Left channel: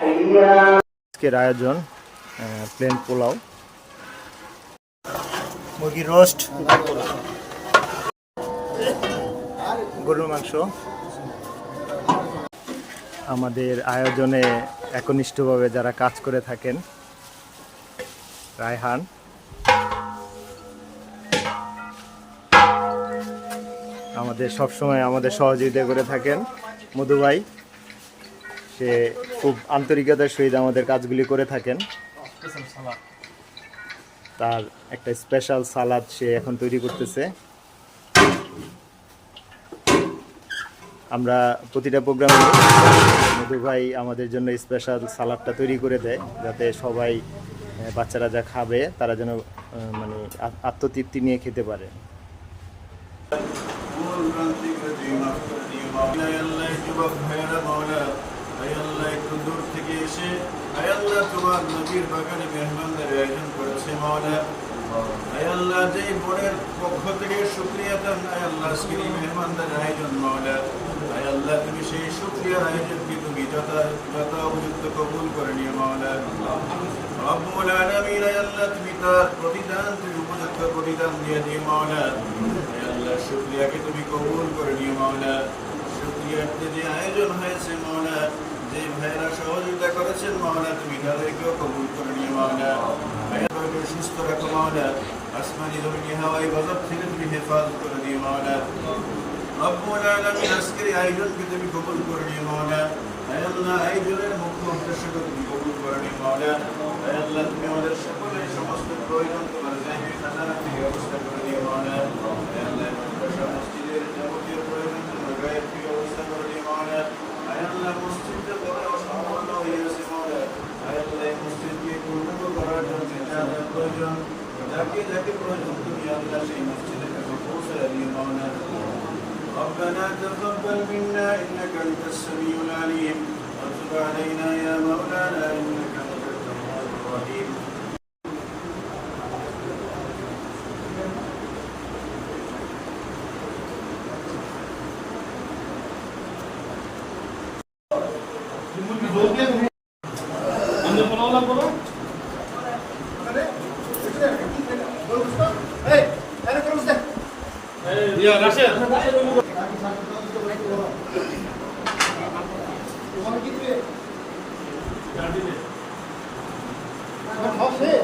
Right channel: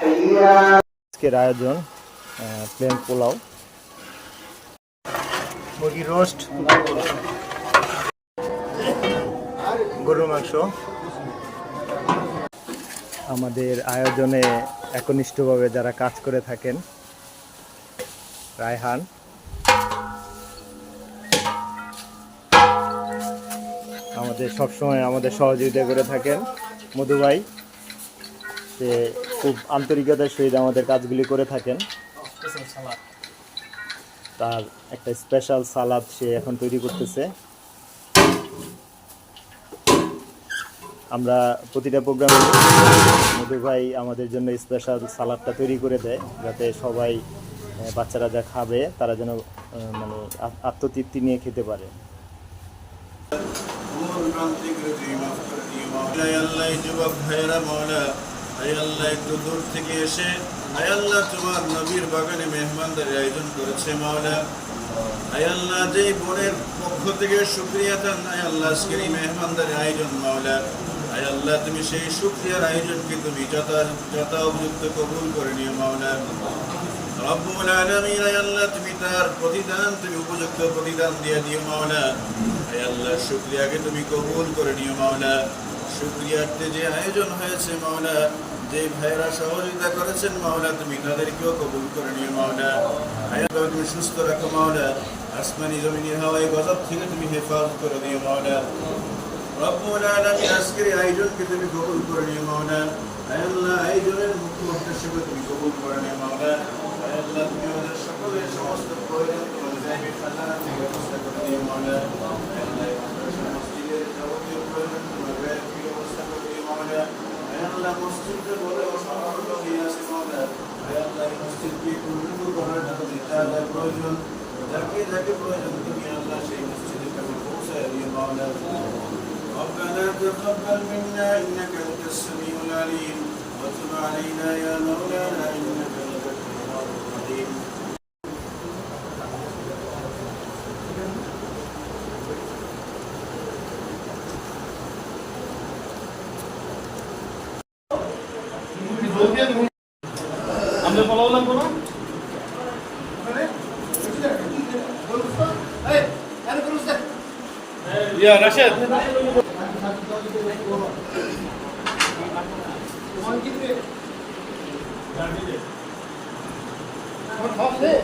আজকের আয়োজন প্লেন পোলাও, মুরগি রোস্ট, গরুর মাংস। আমাদের আয়োজনে একনিষ্ঠভাবে যারা কাজ করে থাকেন, রায়হান, আমাদের সবসময় আমাদের সহযোগিতা করে থাকেন মধু ভাই, সে খুব আন্তরিকতার সহিত আমাদের কাজগুলি করে থাকেন। তার একটা স্পেশাল সালাদ সে এখন তৈরি করতেছে। আমরা প্রতিটা প্রোগ্রামে মধু ভাই আমাদের জন্য স্পেশাল সালাদটা তৈরি করে দেয়, যাতে সবাই বাচ্চারা যা খাবে তারা যেন মানে আত্মতৃপ্তি নিয়ে খেতে পারে। একটু দূর থেকে এসে আয়াল্লাহ তোমার নবীর বাগানে মেহমানদারির আয়োজন করেছে মাওলা। আয়াল্লাহ যেই বোনের পক্ষ থেকে শুকরিয়া দেন আয়াল্লাহ আজকের এই মেহমানদারির আয়োজন মাওলা। আয়াল্লাহ তুমি সেই শুকরিয়ার আয়োজনকে তুমি যথা উপযুক্ত কবুল করে নিও মাওলা। রব্বুল আলামিন আয়াল্লাহ তুমি তার প্রতিদান তুমি উপযুক্ত প্রতিদান দিয়ে দিও মাওলা। আয়াল্লাহ শুকরিয়াকে তুমি কবুল করে নিও মাওলা। শুকরিয়াতে যে আয়োজন হয়েছে মাওলা, যে ভাইরা সহযোগিতা করেছেন মাওলা, তুমি তাদেরকেও কবুল করে নিও মাওলা। ভাইয়াকে সুস্থ রাখো মাওলা, আসমানি জমিনি হাওয়াই গজব থেকে তুমি হেফাজত করে দিও মাওলা। রব্বুল আলামিন আজকের এই আয়োজনকে তুমি কবুল করে নিও মাওলা। আল্লাহ আয়োজনের মুখ্য উদ্দেশ্যকে তুমি কবুল করে নিও মাওলা। আল্লাহ তুমি আমাদের সকলের সমস্ত প্রয়োজন তোমার জায়গায় খাজানা থেকে ব্যবস্থা করে দিও মাওলা। মসজিদের যাবতীয় প্রয়োজন তোমার গায়ে থেকে ব্যবস্থা করে দিও মাওলা। আল্লাহ মসজিদটা বড় অসম্পূর্ণ হয়ে আছে মাওলা। আল্লাহ এই মসজিদকে পূর্ণ করার জন্য যাদের প্রয়োজন, যাকে প্রয়োজন তুমি আল্লাহ সেই মসজিদের কাছে পৌঁছায় দিও মাওলা। ربنا تقبل منا إنك أنت السميع العليم وتب علينا يا مولانا إنك أنت التواب الرحيم. আমরা ফলো লাগবো না? ইয়া রাশেদ তোমার কি তুই গাড়ি দে আমার খাওয়া শেষ